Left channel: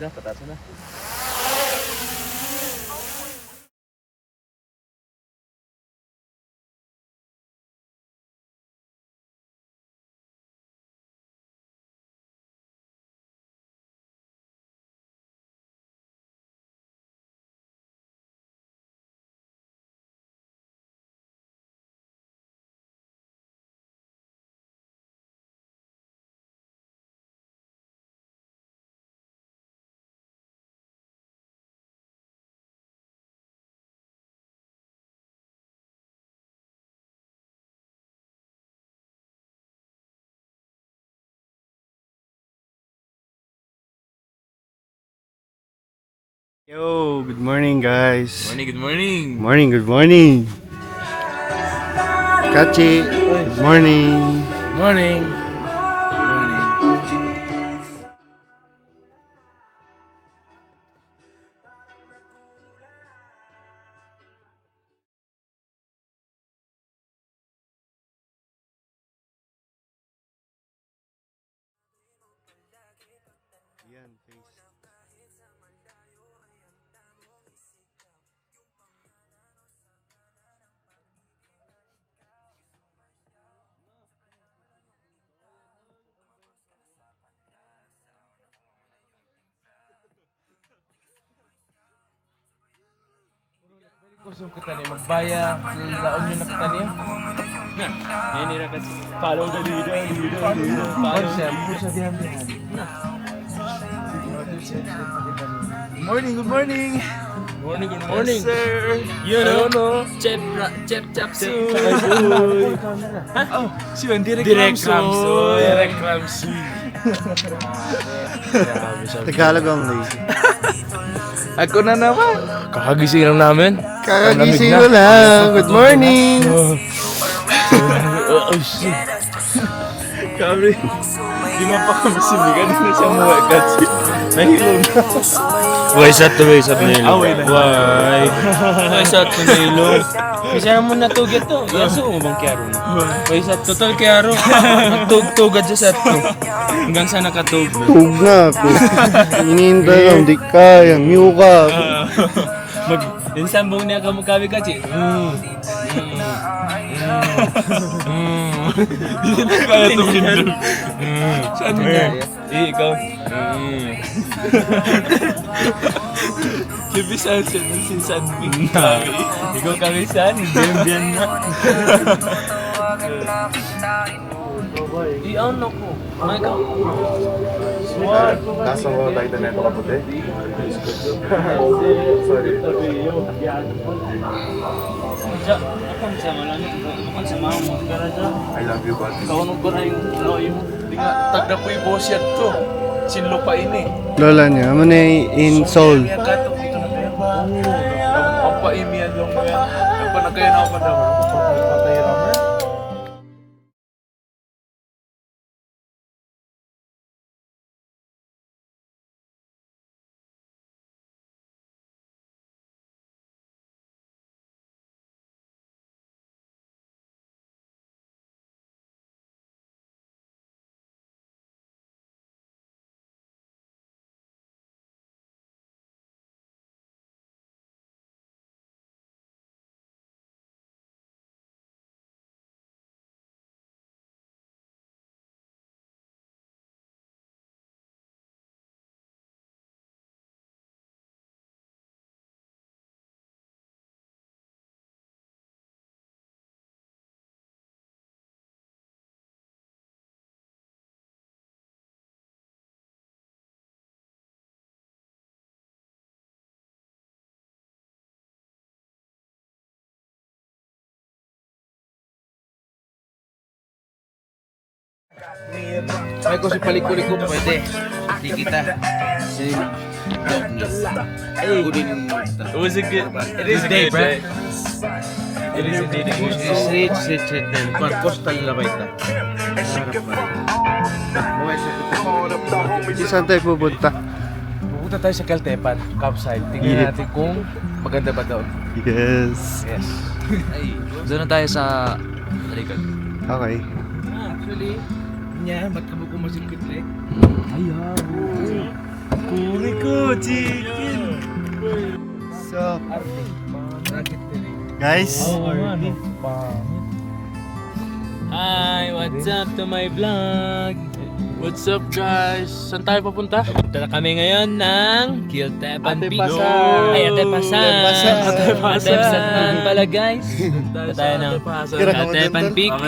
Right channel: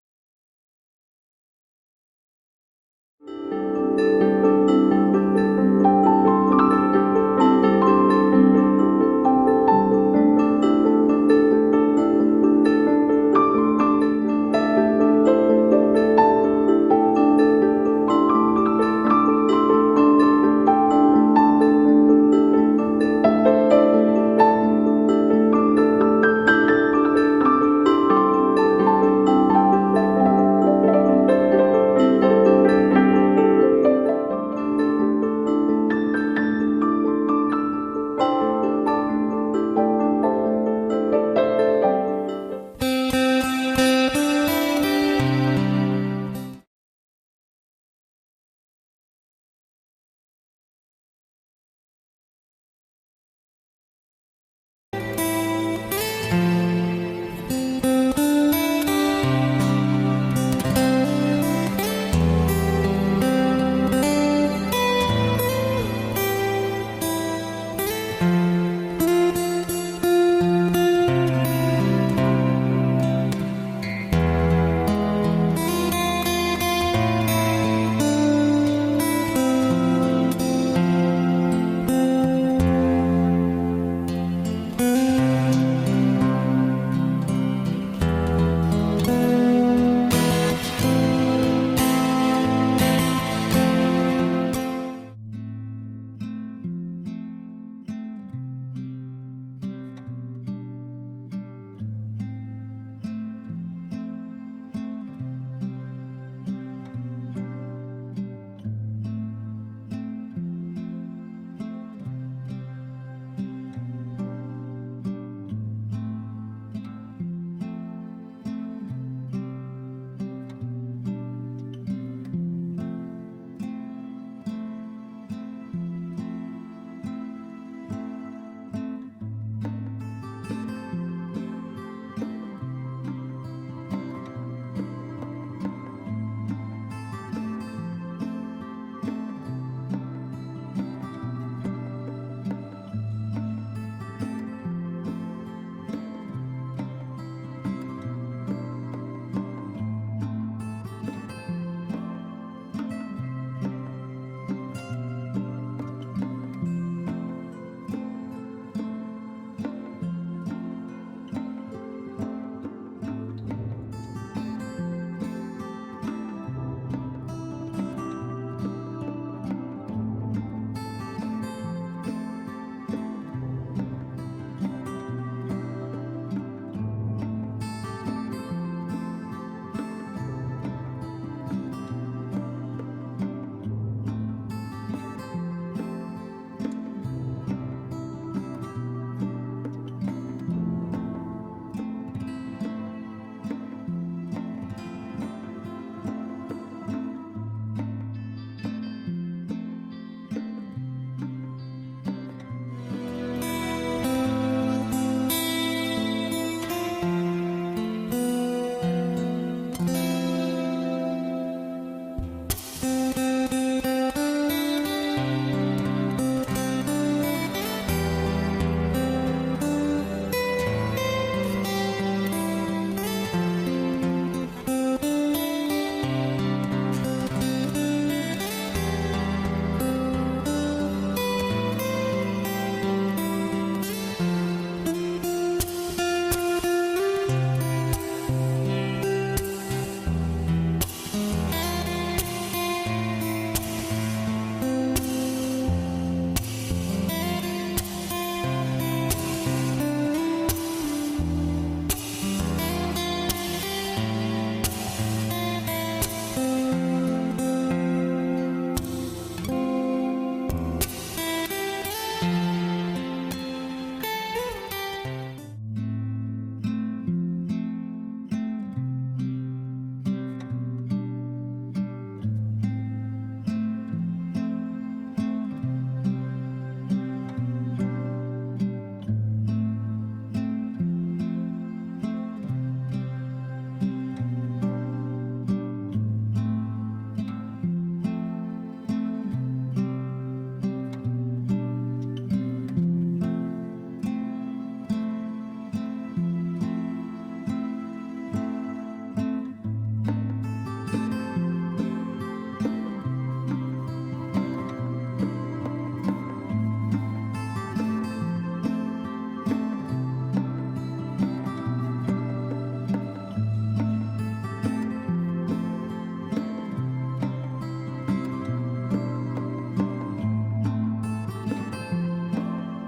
na, pataas na. Good morning guys. Good morning. Morning, good morning. Kachi, good morning. Morning. Baya, laon nyo nakatanim. Yan nila kasi. Follow the leader. Follow siya. Good morning. Good morning. Yes, sir. You know, chep soon. Oh, si Juan, Direk Ramsoy. Tagalog only. Ako na naman. Kakagising lang namin. Kakagising ko lang. Good morning. Oh shit. Kami, di pa kami sinigan na siya mga gatsi. Nahilo na. Wais at Nilo. Away na. Wais at Nilo. Kasi mo natugit to. Yaso mo bang kiyaro na? Wais at total kiyaro. Tugad sa set to. Hanggang sa nakatug. Tug na ako. Inintay lang, di kaya. Miu ka. Dinsambong niya ka magkabi ka, Chi. Hindi na kaya tumindol. Saan niya? Ikaw. Libisan siya ng sinsan kami. Ikaw kami saan? Biyan na. Ano ko? Ay, ikaw. Nasa mo tayo na ito kaputi? Sorry. Diyan, akong sama lang. Akong sama mo. Pero dyan. I love you, bud. Kaunong ko na yung Di nga, tagda po yung boss yan to. Sinlo pa ini. Lola niya, ano na in Seoul. Yan ka to. Ito na kayo ba? Ang paimiyan lang mo yan. Nagpanagay na ako pa daw. Patay rubber. Ay ko si palikuli ko pwede. Di kita. Si It was a good. It is a Day, good bro. day. It is indeed a good day. Straight then. Coastal na ba ito? Saan tayo pupunta? Pupunta tayo sa Caltepan, campsite. Tingnan Yeah. natin kung maganda ba doon. Yes. Yes. Ay, doon na tayo sa Regal. Okay. Actually, ba't ka mo kumasing kutri? Puri ka! So, guys, Hi, what's up to my vlog? What's up guys? Saan tayo papunta? Punta na kami ngayon ng Kiltepan Beach. Atepasan. Ay, Atepasan. Atepasan pala guys. Punta tayo ng Kiltepan Beach.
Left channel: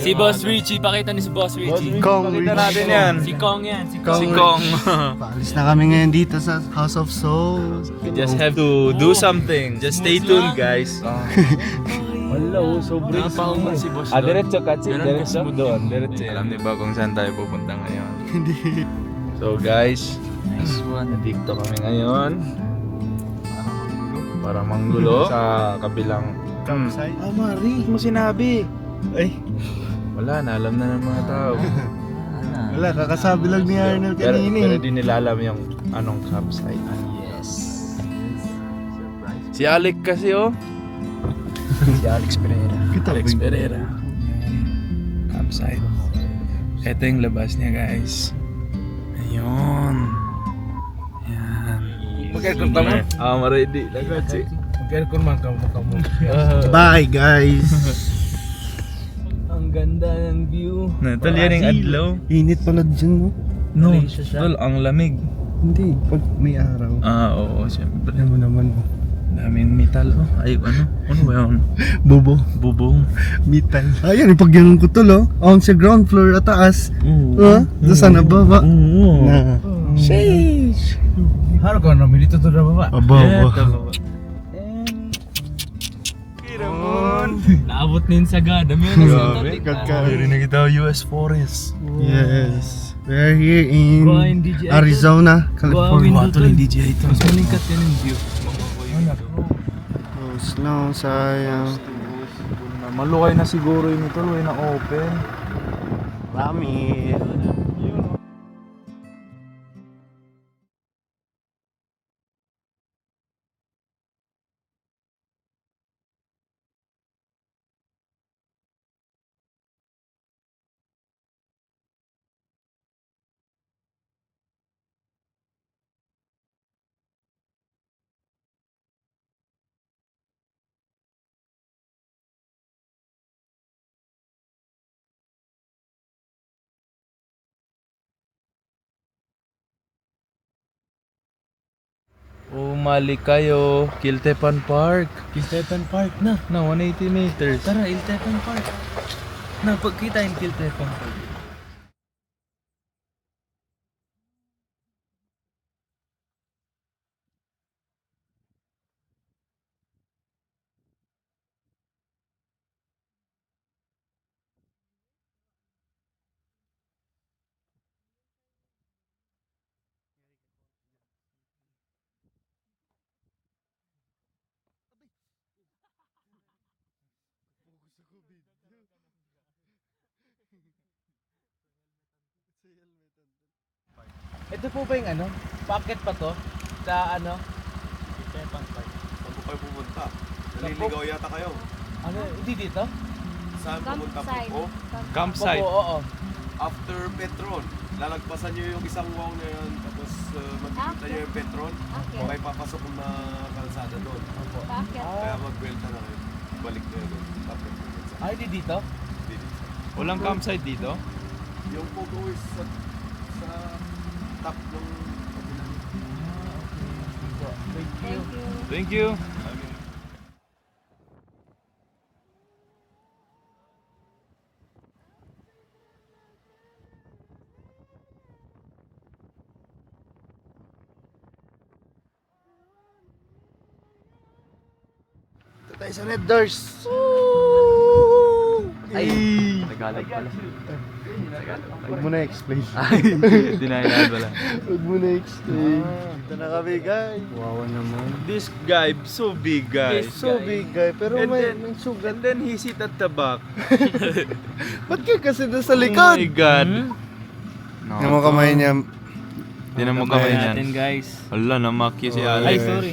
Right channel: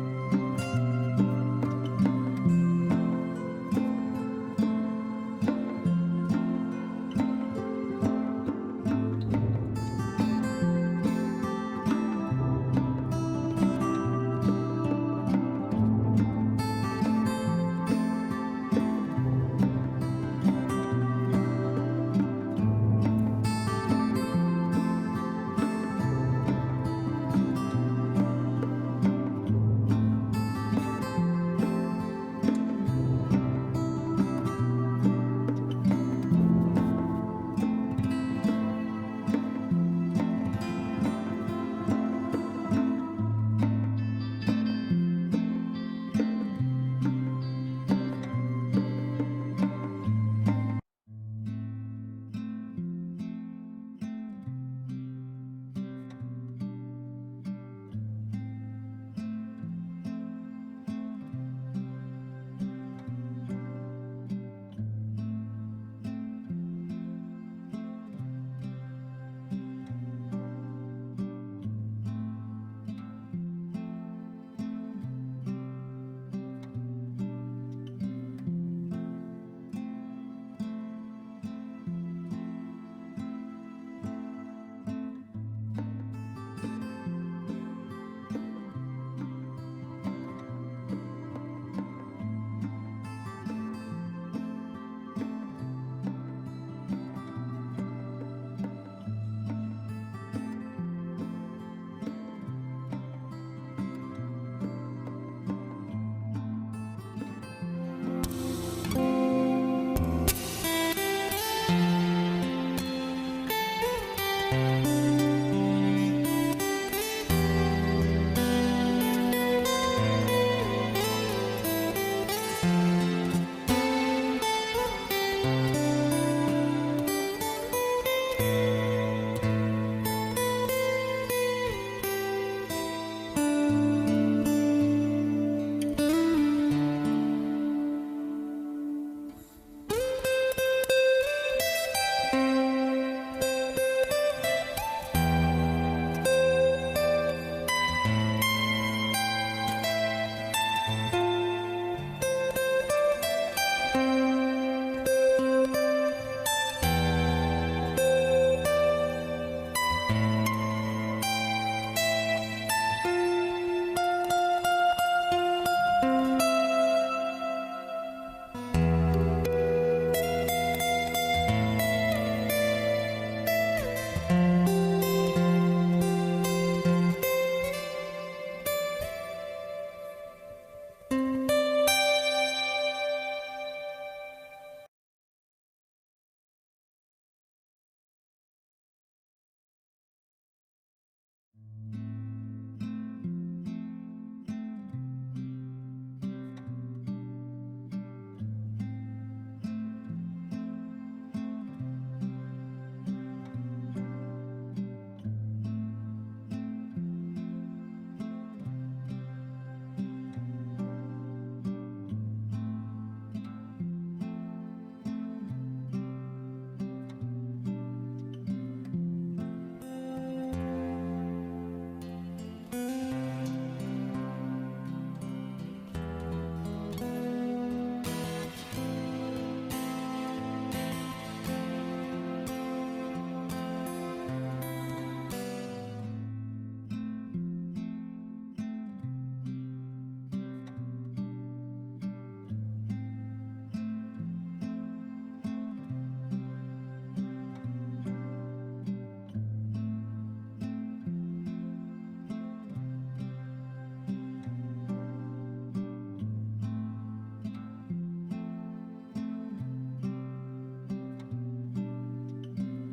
Si Boss Richie, pakita ni si Boss Richie. Kong, natin yan. Si Kong yan. Si Kong. Si Kong. paalis na kami ngayon dito sa House of Souls. We just have to do something. Just stay tuned guys. Wala, sobrang si Boss. Diretso ka, Diretso doon. Diretso. Alam niyo ba kung saan tayo pupunta ngayon? Hindi. So guys, nandito kami ngayon para manggulo sa kabilang Campsite. Mari, mo sinabi. Ay, Wala na, alam na ng mga tao. wala, kakasabi lang ni Arnold Pero kanina. di nila alam yung anong campsite. Yes. Si Alec kasi Si Alex Pereira. Alex Pereira. Campsite. Ito yung labas niya guys. Ayun. Yan. Mag-aircon ka mo? Ma-ready. Mag-aircon man ka mo. Bye, guys. Ang ganda ng view. Tol, yan yung adlaw. Init pala dyan, no? No, Malaysia siya. tol, ang lamig. Hindi, pag may araw. Oo, siyempre. Alam mo naman, Daming metal, Ay, ano ba yun? bobo, Bubong. metal. Ayan, pag ganun ko tol, oh. Ang sa ground floor at taas. Oo. Doon sa nababa. Oo. Na. Sheesh! Haro ka na, milito to na baba. Aba. Naabot na yung sagada. May ano sa Grabe, topic. kagka- na kita US Forest. Yes. We're here in Buhayin DJ Arizona, California. Buhayin DJ ito. Mas malingkat yan yung view. Oh, snow, sayang. Malukay na siguro yun ito, na open. Lamit. Umali kayo, Kiltepan Park. Kiltepan Park na. Na 180 meters. Tara, Kiltepan Park. Na, pagkita yung Kiltepan. Ito po ba yung ano? Pocket pa to? Sa ano? Saan po kayo pumunta? Naliligaw yata kayo. Ano? Hindi dito? Saan pumunta po? Campsite. Oo. After Petron. Lalagpasan nyo yung isang wow na yun. Tapos magkikita nyo yung Petron. Okay. Okay, papasok na kalsada doon. Bakit? Kaya mag-welta na kayo. Balik na yun. Ay, hindi dito? Walang campsite dito? Yung photo is sa top ng... Thank you. Thank you. Tayo sa Red Doors. Ay! Tagalog pala. Huwag mo na explain. Dinahilan pala. Huwag mo na explain. Ito na kami, guys. Wawa naman. This guy, so big guys. So big, guy. Pero And may then- sugat. And then he sit at the back. Ba't ka kasi nasa Oh my likod? God. Tingnan mo kamay niya. Tinan mo kamay niyan. natin guys. Hala, namakya si Alex. Ay, sorry.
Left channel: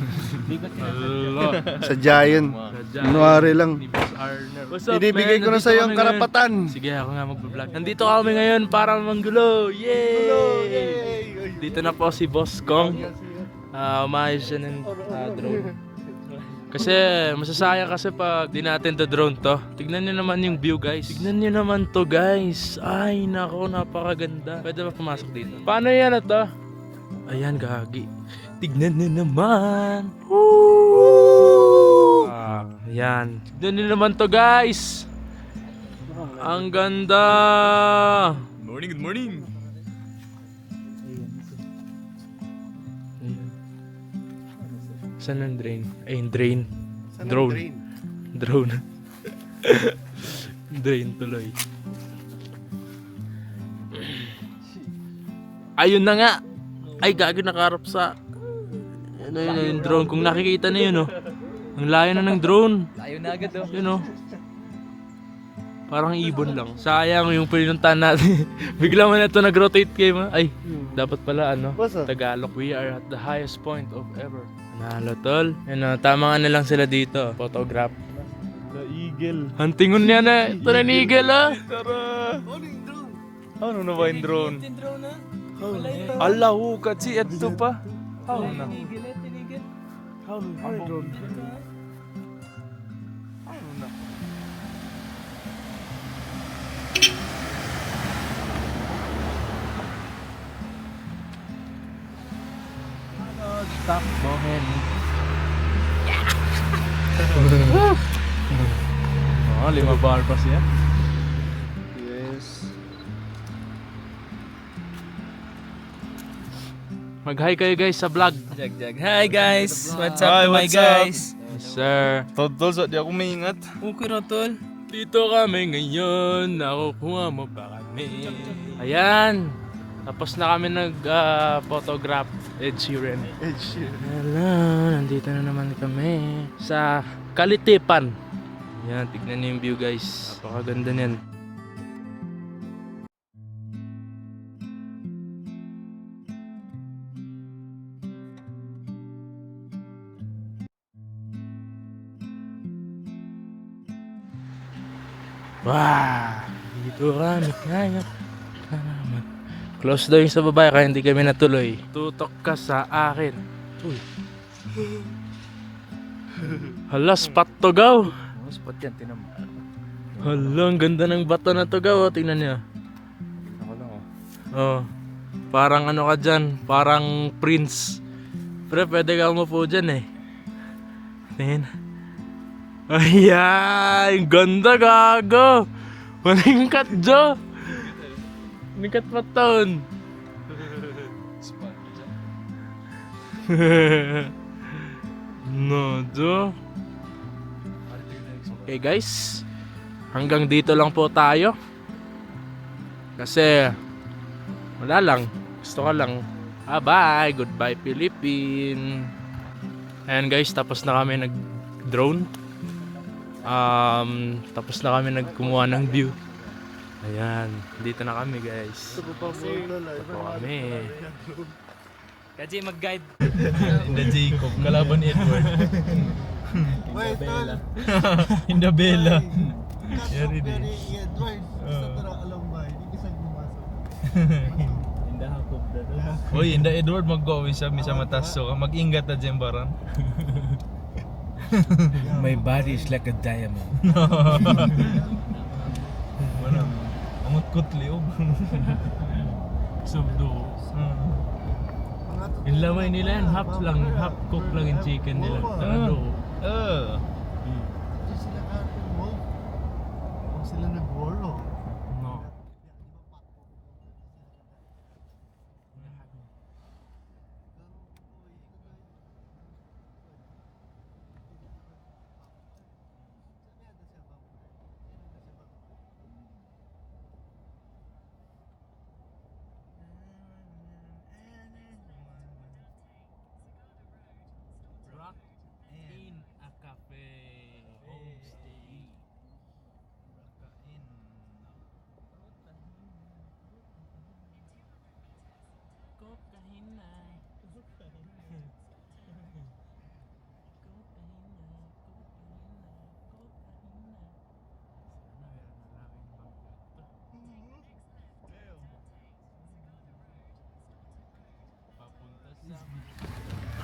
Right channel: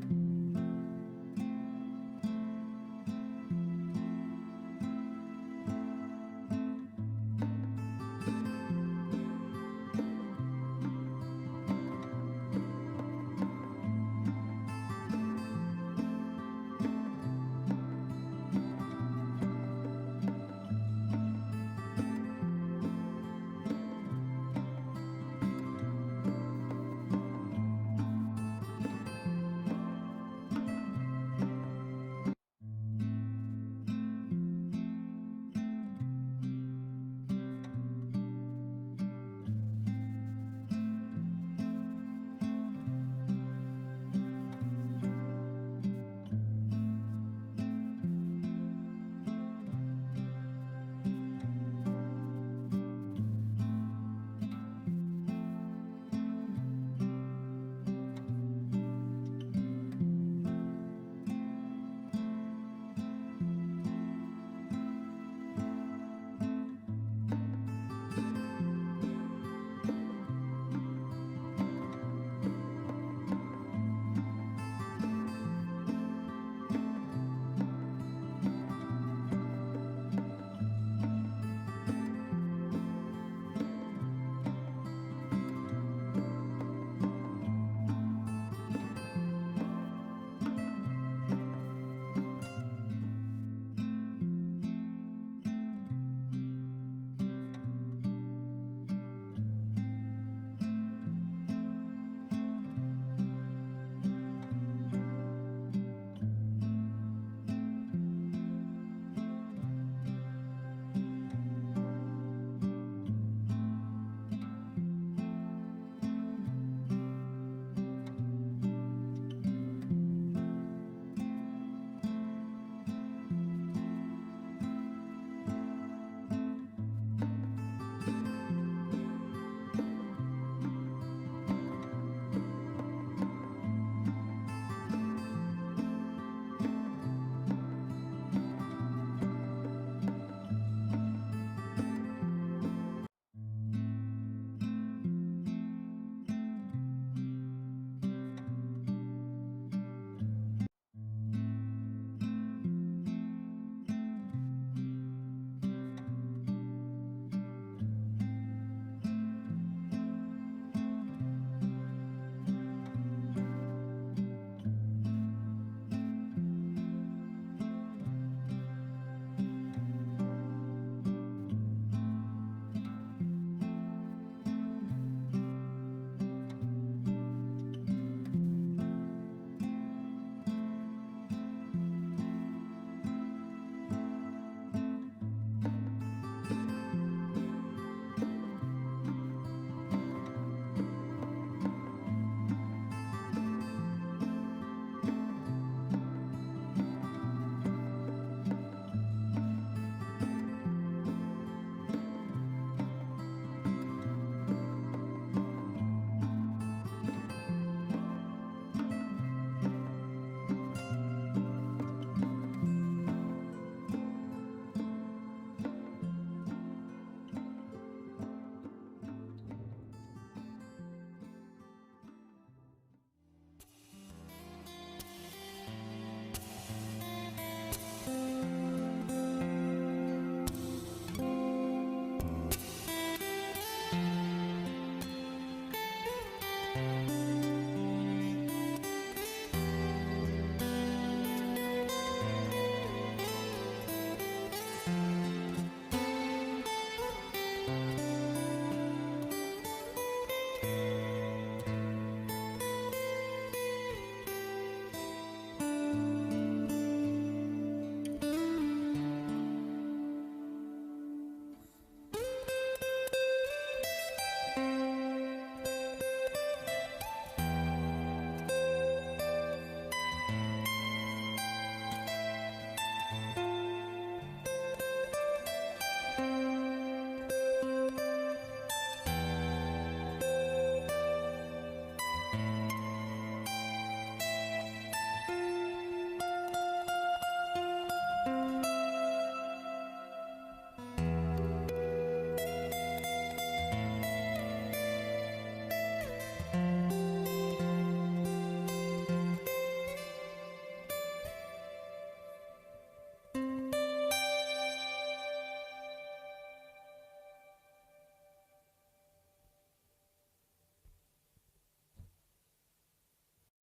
Sa Giant. January lang. What's up, Binibigay man? ko na Nandito sa'yo kami ang ngayon. karapatan. Sige, ako nga mag-vlog. Nandito kami ngayon para manggulo. Yay! Yay! Dito na po si Boss Kong. Umayos siya ng drone. Kasi masasayang kasi pag di natin to drone to. Tignan niyo naman yung view guys. Tignan niyo naman to guys. Ay nako, napakaganda. Pwede ba pumasok dito? Paano yan na to? Ayan gagi. Tignan niyo naman. Woo! Ayan. Tignan niyo naman to guys. Ang ganda. Good morning. Saan ang drain? Ay, yung drain. Drone. Drone. Drain tuloy. Ayun na nga. Ay, gagi nakaharap sa... Ano yun, yung drone. Kung nakikita na yun, oh. Ang layo na ng drone. Ayun na agad oh. Yun, oh. Parang ibon lang. Sayang yung pinuntahan natin. Bigla mo na ito nag-rotate kayo, ma. Ay, dapat pala, ano, Tagalog. We are at the highest point of ever. Nalo, tol. Yan, tama nga na lang sila dito. Photograph. The eagle. Huntingon niya na. Ito na ni Eagle, ah. Tara! Ano na ba yung drone? Ala, hukat si Edto pa. How na? Stop mohin. Oh, 5 bar pa siya. Yes. Mag-hi kayo guys sa vlog. Jag. Hi guys! What's up Hi, to my what's up? guys? Yes, sir. Tol, sa di ako maingat. Okay ra tol. Dito kami ngayon, nakukuha mo pa kami. Ayan, tapos na kami nag-photograph. Ed Sheeran. Hello, nandito na naman kami sa Kalitipan. Ayan, tignan niyo yung view guys. Pakaganda niyan. Wow! Dito kami ngayon. Close daw yung sa babae kaya hindi kami natuloy. Tutok ka sa akin. Uy. Hala, spot to gaw. Spot yan, tinamaan. Hala, ang ganda ng bato na to gaw. Oh. Tingnan niya. Oh. Parang ano ka dyan. Parang prince. Pero pwede ka umupo dyan eh. Tingnan. Ayan! Ganda gago! Maningkat Jo! Maningkat pa taon! No, Jo! Okay guys, hanggang dito lang po tayo. Kasi, wala lang. Gusto ka lang. Bye! Goodbye Philippines! Ayan guys, tapos na kami nag-drone. Tapos na kami nagkumuha ng view. Ayan, dito na kami guys. Ito kami. Kaji mag-guide. Hinda Jacob, kalaban ni Edward. Wait, tol. Hinda Bella. Yari din. Uy, hinda Edward mag-go isa sa matas so mag-ingat na dyan barang. My body is like a diamond. Amot kutli oh. Subdo. Yung lamay nila yan, half cook lang yung chicken nila. Ano? Sila nag-war, oh. No.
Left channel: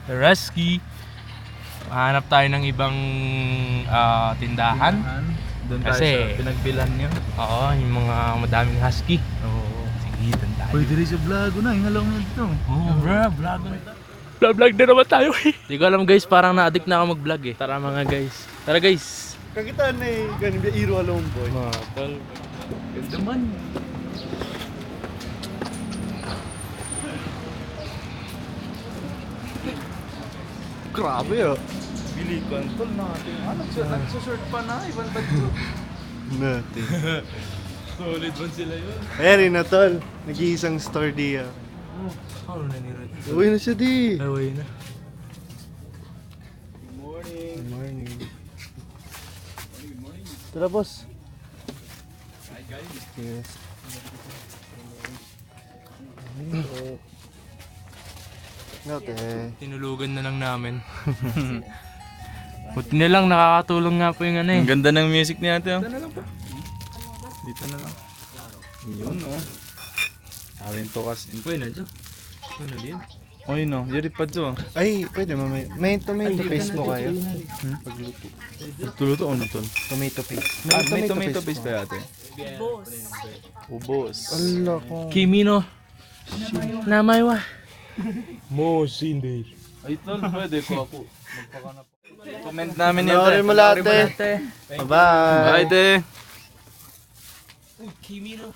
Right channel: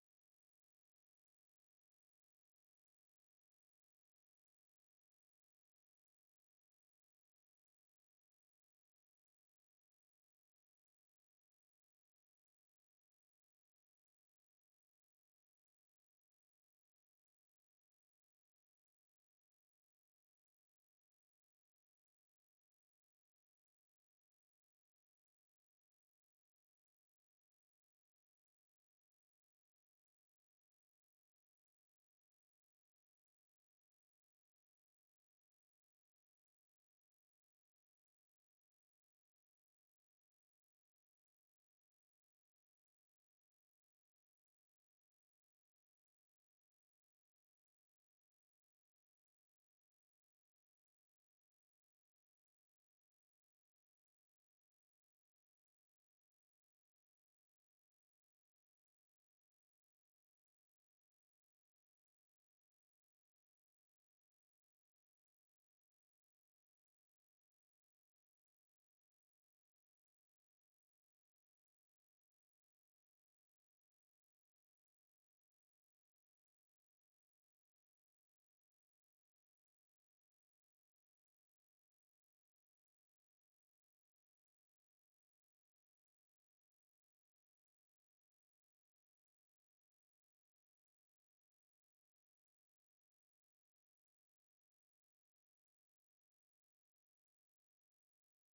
Husky. Hanap tayo ng ibang tindahan. Doon Kasi- pinagbilan niyo. Oo, yung mga madaming husky. Oo. Sige, doon tayo. Pwede rin sa vlog na, hingalaw na dito. Oo, bro, vlog na ito. Vlog na naman tayo eh. Hindi ko alam guys, parang na-addict na ako mag-vlog eh. Tara mga guys. Tara guys. Kagitaan na eh, ganun ba iro alone boy. Tol. Ganda man. Grabe ah. Bilikan tol natin. Nagsusort pa na, ibang bagyo. Natin. Solid man sila yun. Ayan rin na tol, nag-iisang store di ah. Ano na ni Rod? Uwi na siya di. Away na. Good morning. Tara boss. Yes. Okay. Tinulugan na lang namin. Buti na lang nakakatulong nga po yung ano eh. Ang ganda ng music niya ate. Dito na lang po. Dito na lang. Yun oh. Alin to kasi. Uy, na dyan. Ano din? Oy no, yari pa dyan. Ay, pwede mamaya. May tomato paste mo kayo? Tuluto ano to? Tomato paste. May tomato paste pa ate. Ubos. Allah ko. Kimino. Namaywa. Mo Cindy. Ay tol, pwede ko ako. Comment namin yan. Panoorin mo lahat eh. Bye-bye. Bye te. Kimino.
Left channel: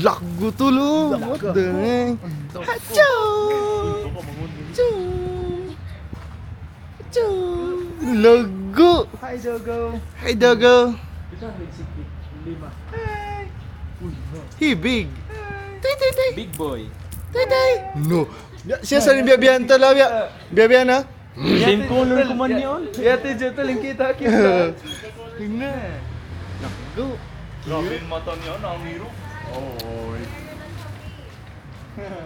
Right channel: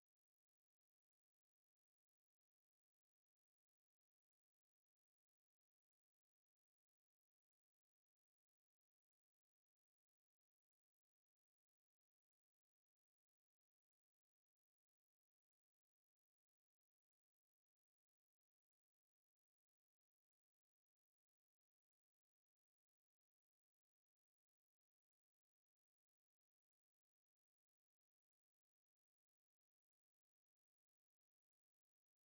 Lago tulo. What the heck? Hacho! Hacho! Hacho! Lago! Hi Dogo! Hi Dogo! Hi! Hey big! Tay tay tay! Big boy. Tay tay! No! Siya sa rin biyabihan to lang. Biyabihan ha? Same color ko man yun. Yate dyan tol, yung kita. Tingnan! Lago! Grabe yung mata niya, nangiro.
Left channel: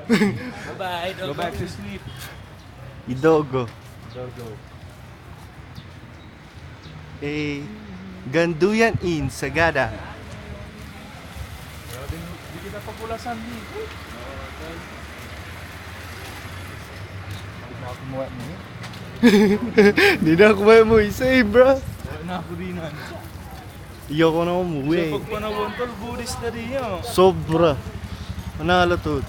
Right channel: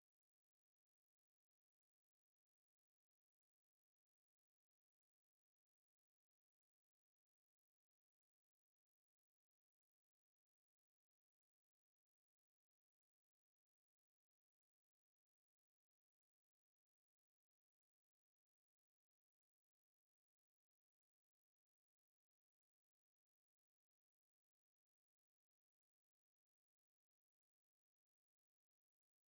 Bye-bye. Go back to sleep. Idogo. Eh, Ganduyan in Sagada. Hindi kita papulasan dito. Hindi na ako may mo isa eh, bro. Wala na ako din na. Iyoko na umuwi. Pag panahon tol, Buddhist na rin yun. Sobra. Manalo to.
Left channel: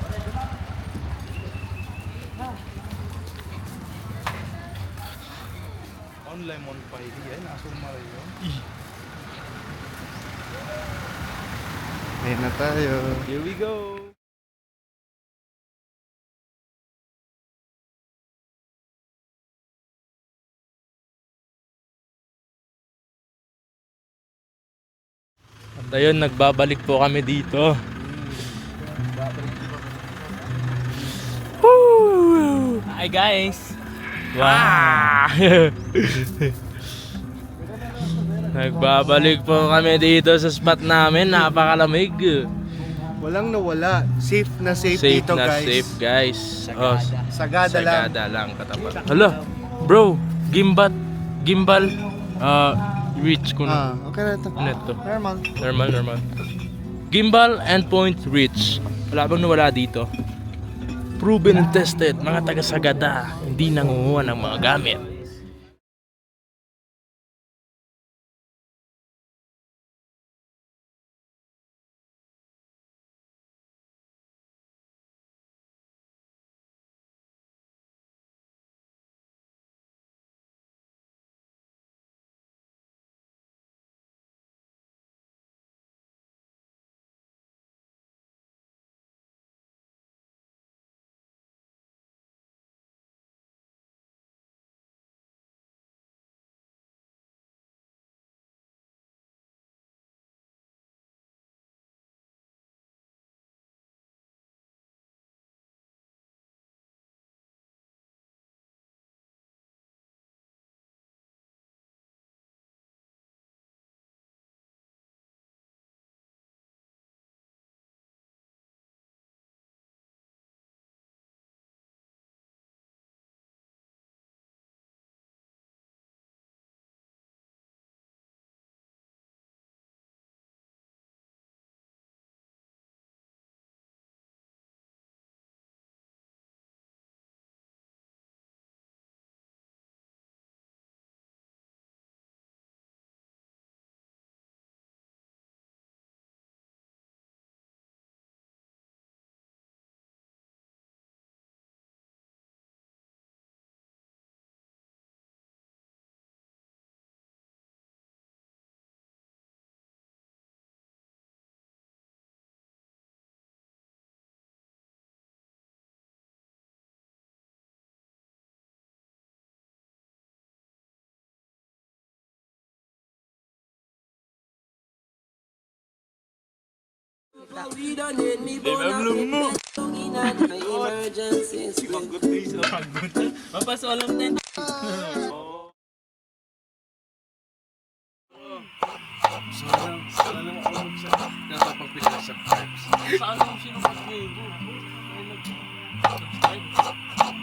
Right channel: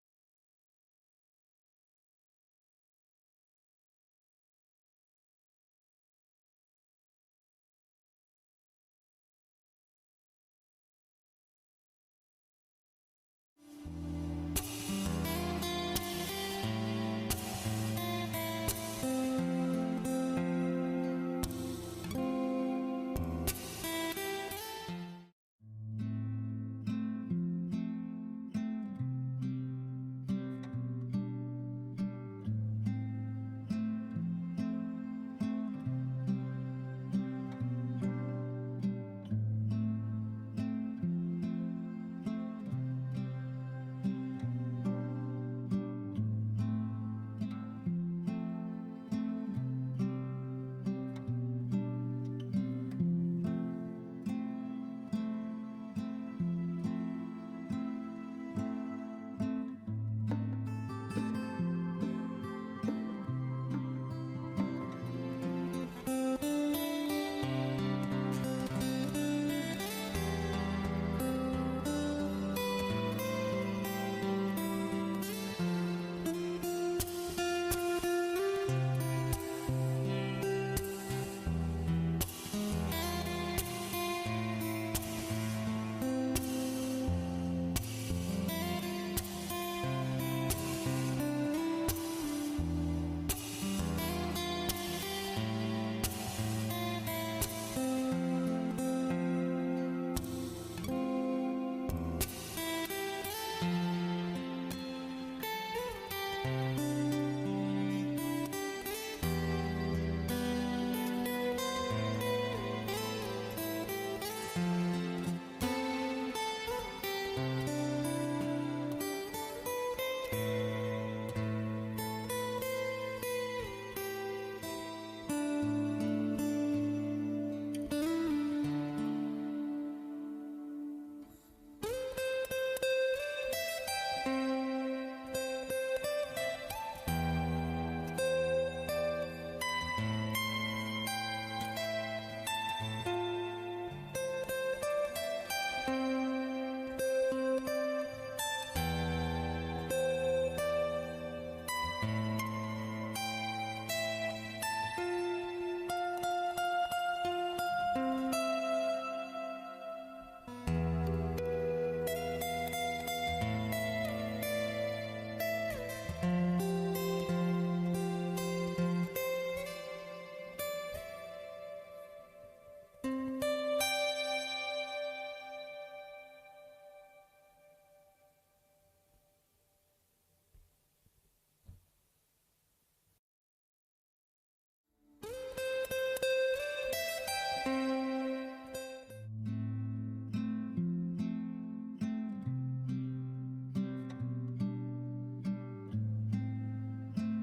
On lemon pie, yan. Asumar yun. Ayun na tayo. Here we go. At ayun, nagbabalik po kami dito. Woo! Hi guys! Wow! Nagbabalik po kami dito sa spot namin, napakalamig. Walang nawala. Safe na safe, Safe dito, na guys. safe guys. Oh, Sagada lang. Sagada lang katapat. Hala, bro, gimbal, reach ko na. Okay na ito. Ano ito? Normal. Normal. Gimbal and point reach. Wala bang nawala dito? Proven and tested, mga taga-Sagada, hindi nangunguha ng mga gamit. Mapasolam din. Saan ang sinusubscribe mo?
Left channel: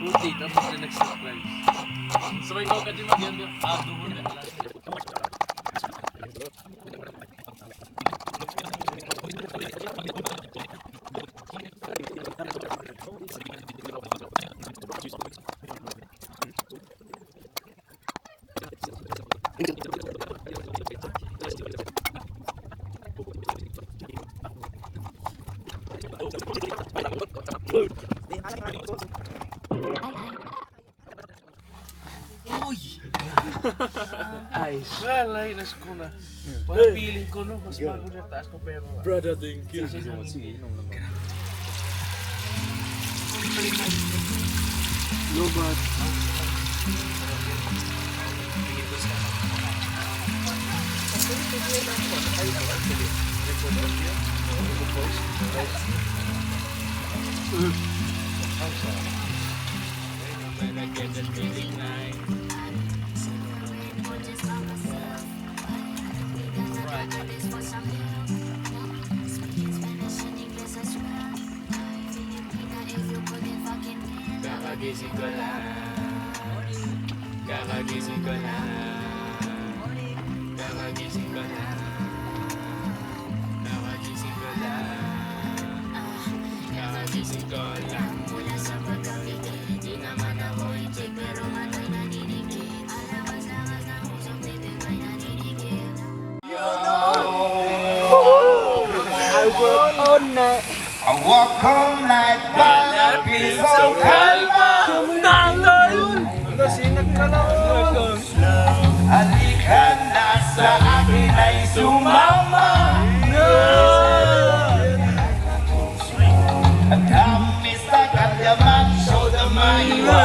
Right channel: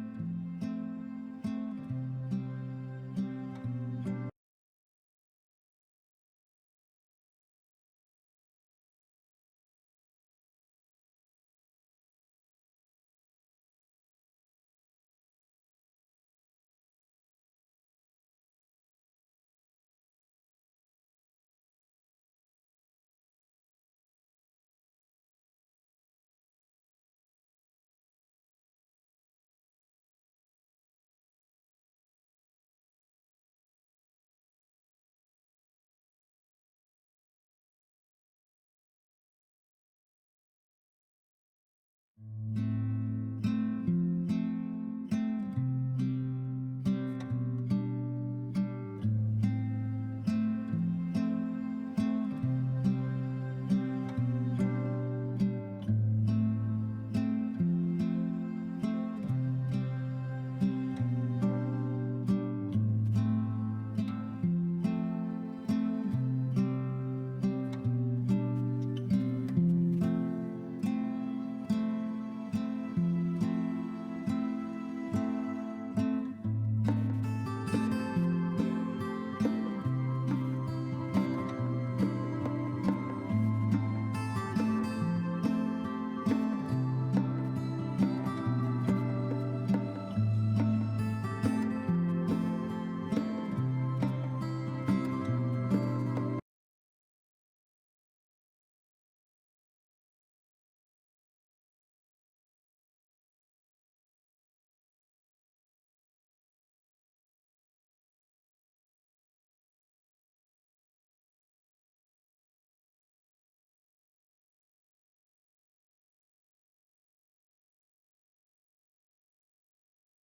Buti, tapos na nag-subscribe. So, ikaw ka din mag-yan. Doon na pala. Ayos. Wala, inas ko na. Parang feeling ko no, mas bago na taas ko pero... Brother, thank you. Sige, inom lang. Lobat. I walk all night by the peace of Halika na sa akin ay sumama. At kami sa kanyaman, show the mahiwa.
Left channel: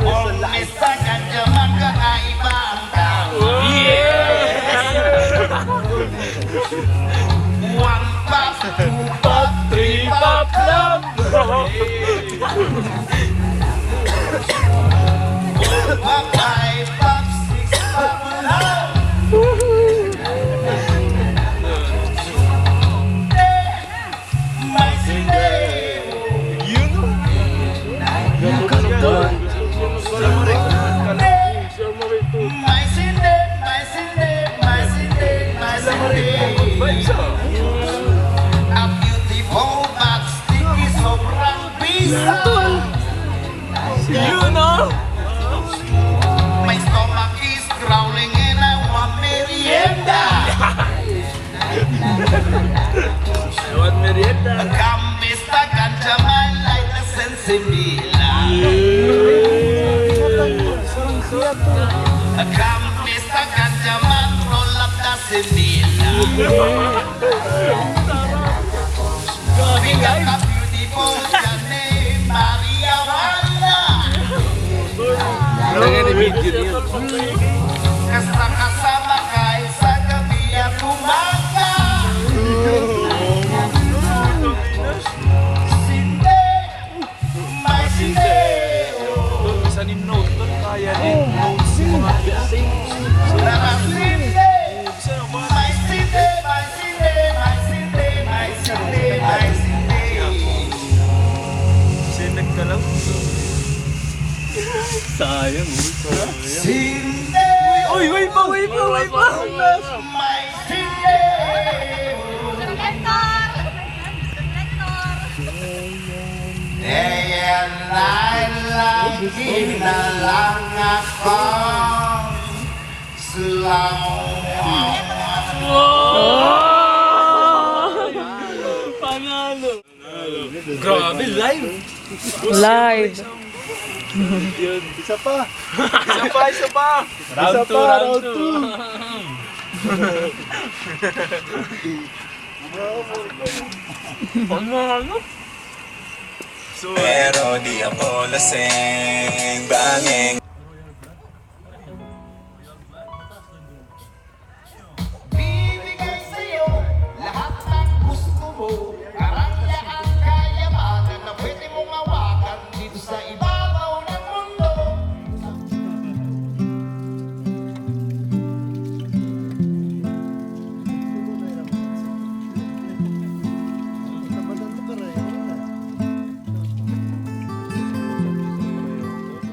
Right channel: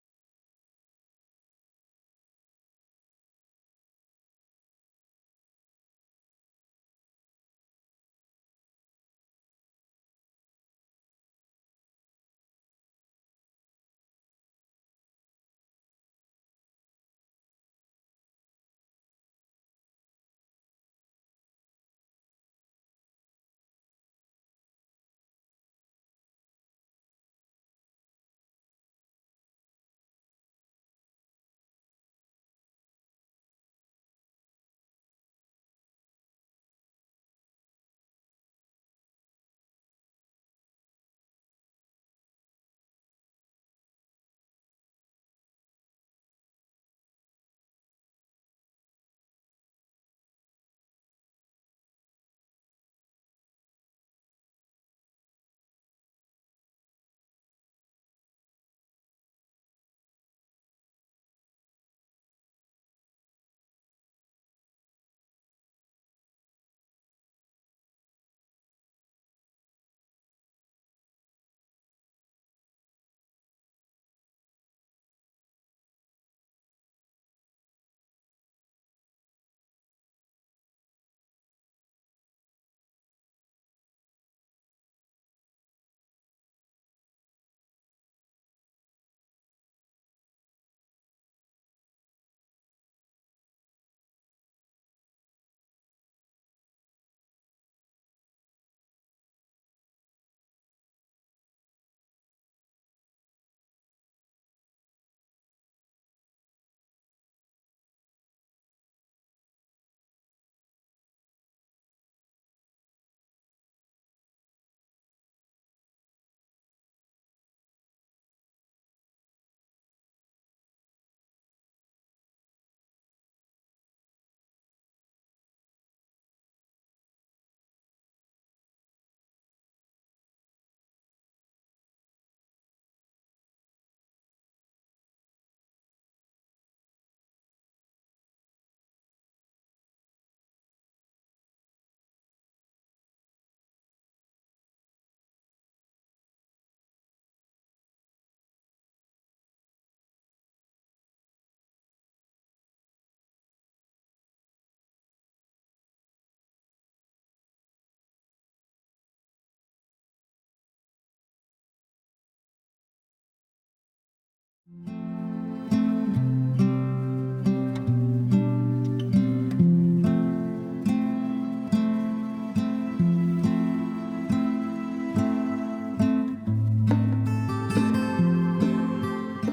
Kami sa kanyaman, kakaiba ang tao. One pop, two pop, three pop, love. Pop, five pop, six pop, love. My city. You know. My city, my city, my city, my city. A beautiful but sticky sobrang bisa. You know. My stomach is growling and I want merienda. I want merienda. Kambista kanchaman like the sensibila. Kambista kanchaman roll up the sensibila. We got a beautiful Jane Maria Wanda. Kasama kay sa gabi at umaga. Sinde, may sinde. Isa ni note doon, kaya din. Notes yung mga fixing. Tara sinde, may sinde, may sinde, may sinde, may sinde, may sinde. Sinag ka lang. Sayang, Sinde, uy, uy pa, uy pa, uy pa. may sinde. Day and night lagi na lang ako Panalo. Grabe, live. Live. Isa pa. Isa pa. Isa pa, round 2. Panalo. Pero di ako lasing, banging